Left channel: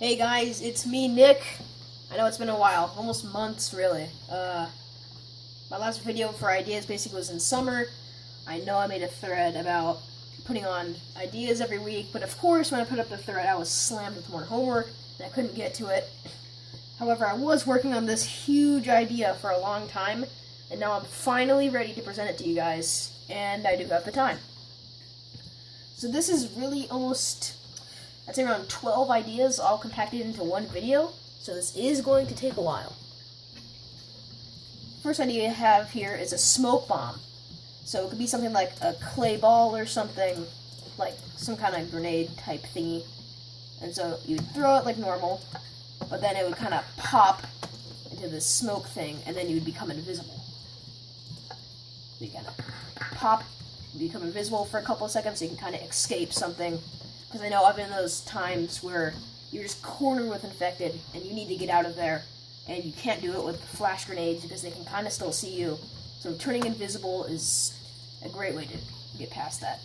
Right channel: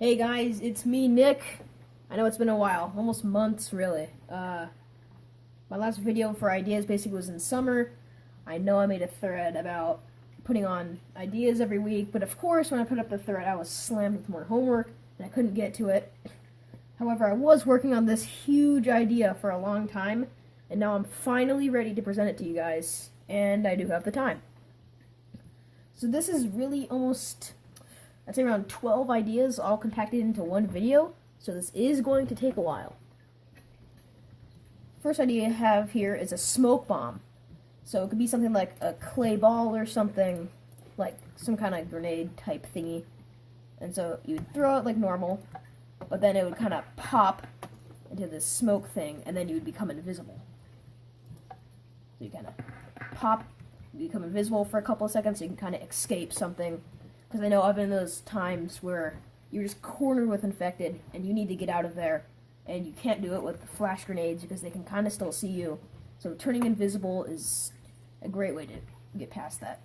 Hey guys, it's me, Nick. I know it's been a while, almost months really. My last video for ideas basically was in summer. I know I made a thread about putting on ideas every week, but of course when I put up the thread I was slammed with more homework and I couldn't get to it. However, I was working on this huge idea for a long time, and now I'm finally ready to present it to you guys, and I do have the time. So this is really almost, I'd say around 12 ideas all compacted into one video, so this is going to take a while. First idea I have here is a smoke bomb. So it could be something like a clay ball or something, like some kind of grenade type thingy. And so you'd throw it like normal, but then it would kind of pop into this smoke thing, and then you would become invisible. So you kind of pop, become invisible for a couple of seconds, so you can kind of escape something. Because I know I've been in those times where you're just cornered with infected, and you need to get out of there, and you can't do it with flash grenades because they can kind of still see you. So turning invisible is a great way to get past that.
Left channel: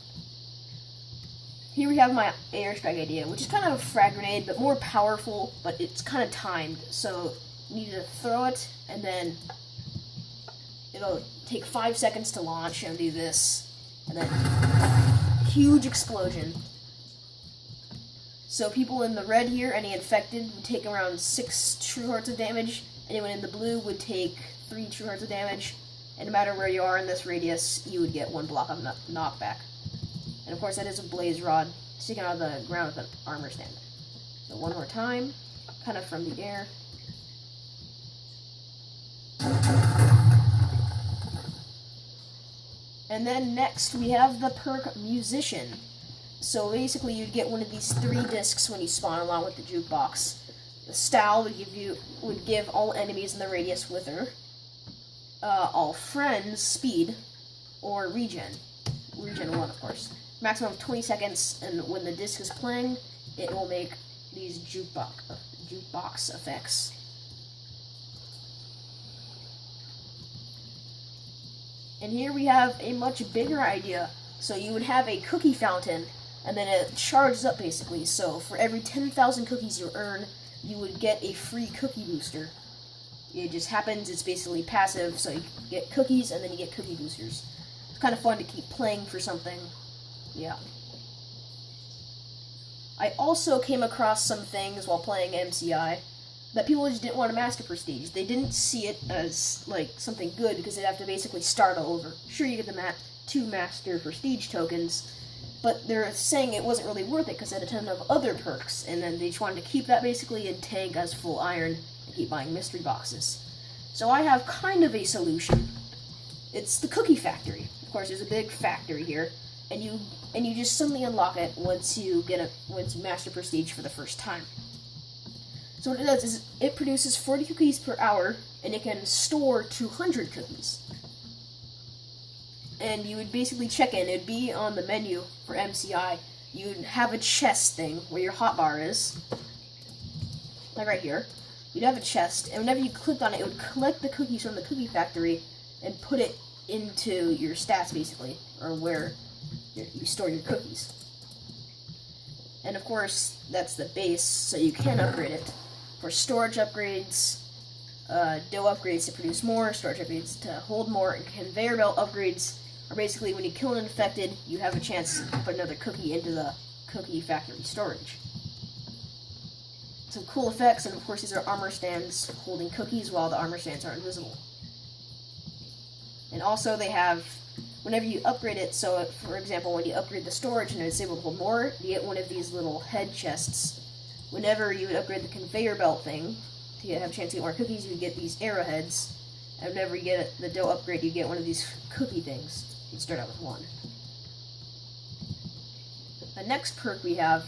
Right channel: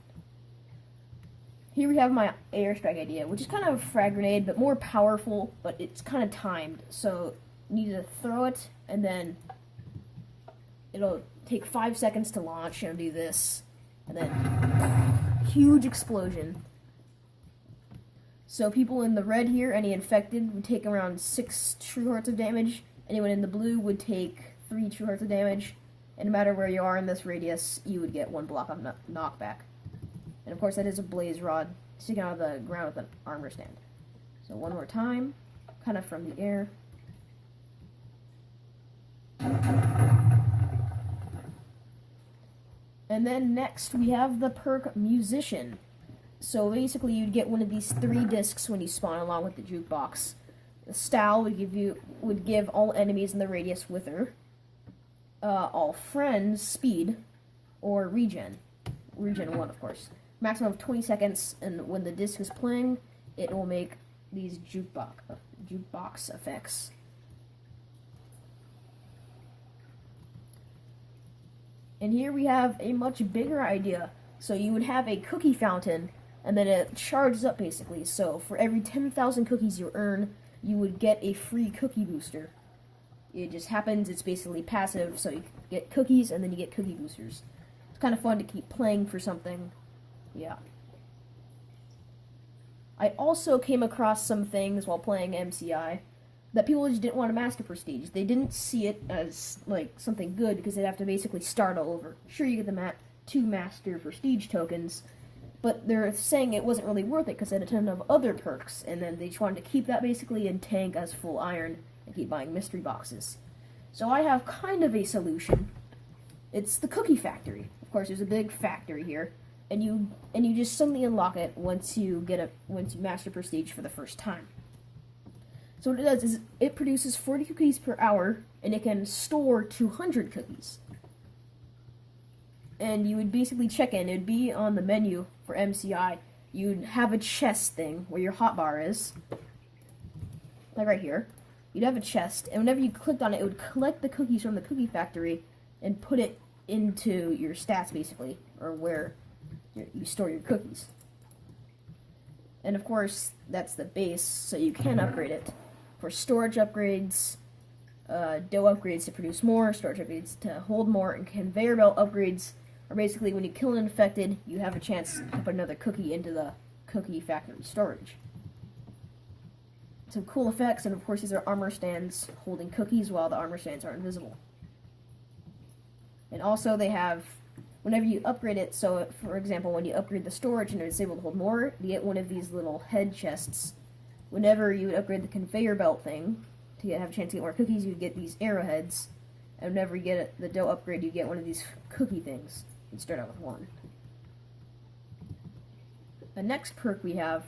Here we have my airstrike idea, which is kind of a frag grenade, but more powerful, but it's kind of timed. So you need to throw it, and then it'll take 5 seconds to launch, and do this, and then huge explosion. So people in the red here, any infected, would take around 6 true hearts of damage. Anyone in the blue would take 3 true hearts of damage. And no matter where you are in this radius, you would get 1 block of knockback. And of course that is a blaze rod sticking out of the ground with an armor stand. So one more time, kind of from the air. And then next we have the perk Musician. So basically you'd get one of these 3 discs when you spawn along with the jukebox. The style would give all enemies in the radius wither, all friends speed, or regen 1 of course. Maximum of 20 seconds, and when the disc is playing, it will make these jukebox effects. And here we have a much bigger idea. So you would have a cookie fountain, and then it charges up basically. So for every 10,000 cookies you earn, you would get a free cookie booster. It just happens, it's basically passive, so you get cookies and then you get cookie boosters. It's kind of fun to keep playing for something. Yeah. I also came across some things while playing MCI that people just didn't want to master prestige. They didn't see it as like something good because they'd have to basically start all over. Sure, you get the 2 master prestige tokens, but they're saying it wasn't really worth it because it had a ton of other perks, and then they just wanted to keep that basically and tank as full iron and keep buying mystery boxes. So I have kind of a solution. It's the cookie factory. Of course, there's a big factory here, and you just suddenly unlock it once you master prestige for the first time. So what it does is it produces 40 cookies per hour, and it can store 200 cookies. And you would basically check in. It'd be on the menu for MCI. You'd have a chest thing where your hotbar is, like right here. You'd have a chest, and whenever you clicked on it, it would collect the cookies from the cookie factory and put it into your stats, basically, or where you store your cookies. And of course, that's the base, so you can upgrade it. For storage upgrades, dough upgrades to produce more, storage upgrades to hold more, and conveyor belt upgrades are basically when you kill an infected, you have a chance to put another cookie into the cookie factory storage. Some cool effects, and of course these are armor stands holding cookies while the armor stands are invisible. And also they have, whenever you upgrade it, so for example when you upgrade the storage and it's able to hold more, you get one of these little head chests. Whenever you would upgrade the conveyor belt thing, to have a chance to get more cookies, you would get these arrowheads. And whenever you get the dough upgrade, you get one of these cookie things. You start out with 1. The next perk we have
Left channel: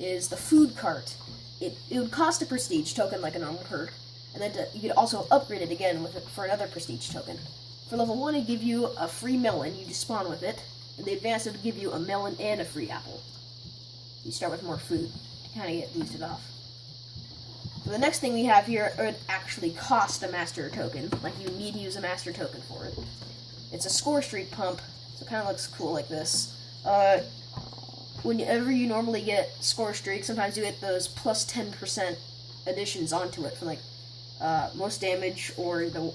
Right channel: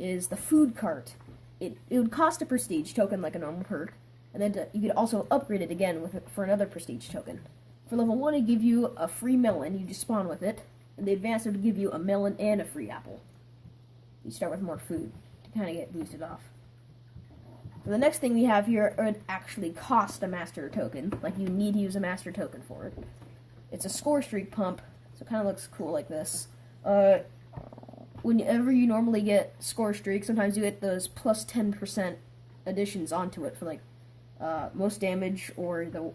is the food cart. It would cost a prestige token like a normal perk, and then you could also upgrade it again for another prestige token. For level 1, it'd give you a free melon. You just spawn with it, and the advanced would give you a melon and a free apple. You start with more food to kind of get boosted off. So the next thing we have here would actually cost a master token, like you need to use a master token for it. It's a score streak pump, so it kind of looks cool like this. whenever you normally get score streaks, sometimes you get those plus 10% additions onto it for like most damage or you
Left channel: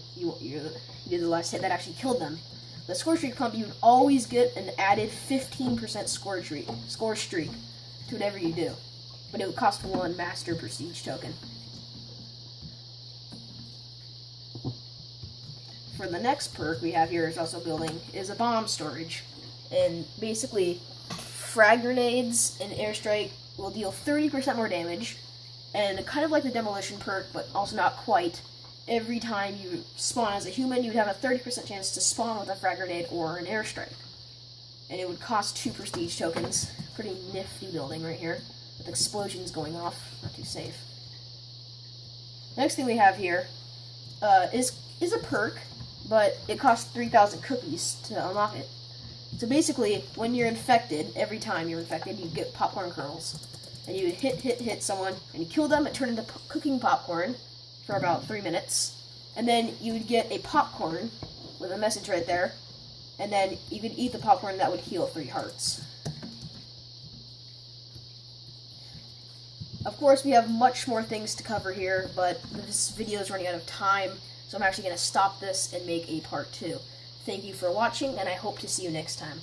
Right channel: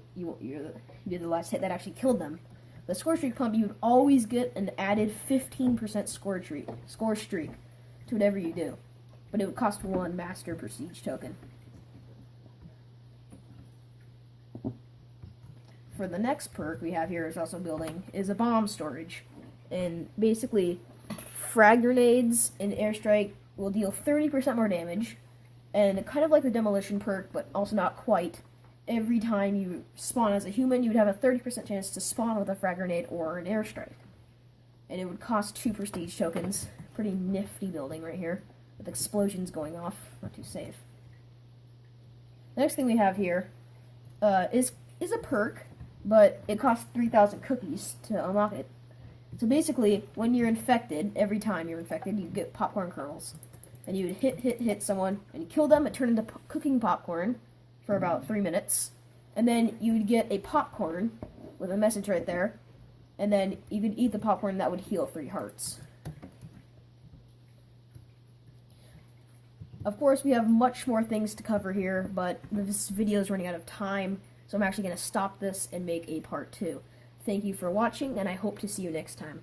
did the last hit that actually killed them. The score streak pump, you'd always get an added 15% score streak to whatever you do, but it would cost 1 master prestige token. For the next perk we have here is also building is a bomb storage, and basically frag grenades and airstrike will deal 30% more damage, and kind of like the demolition perk, but also not quite. Every time you spawn as a human, you'd have a 30% chance to spawn with a frag grenade or an airstrike. And it would cost 2 prestige tokens. Pretty nifty building right here, with explosions going off. Not too safe. Next thing we have here is a perk, but it costs 3,000 cookies to unlock it. So basically, when you're infected, every time you're infected, you get popcorn kernels. And you would hit someone, and you kill them, it turned into cooking popcorn for about 3 minutes, and then you would get a popcorn with a message right there, and then you could eat the popcorn. That would heal 3 hearts. Of course, we have much more things to cover here, but this video is running out of time, so I'm actually going to stop this and make a part 2. Thank you for watching, and I hope to see you next time.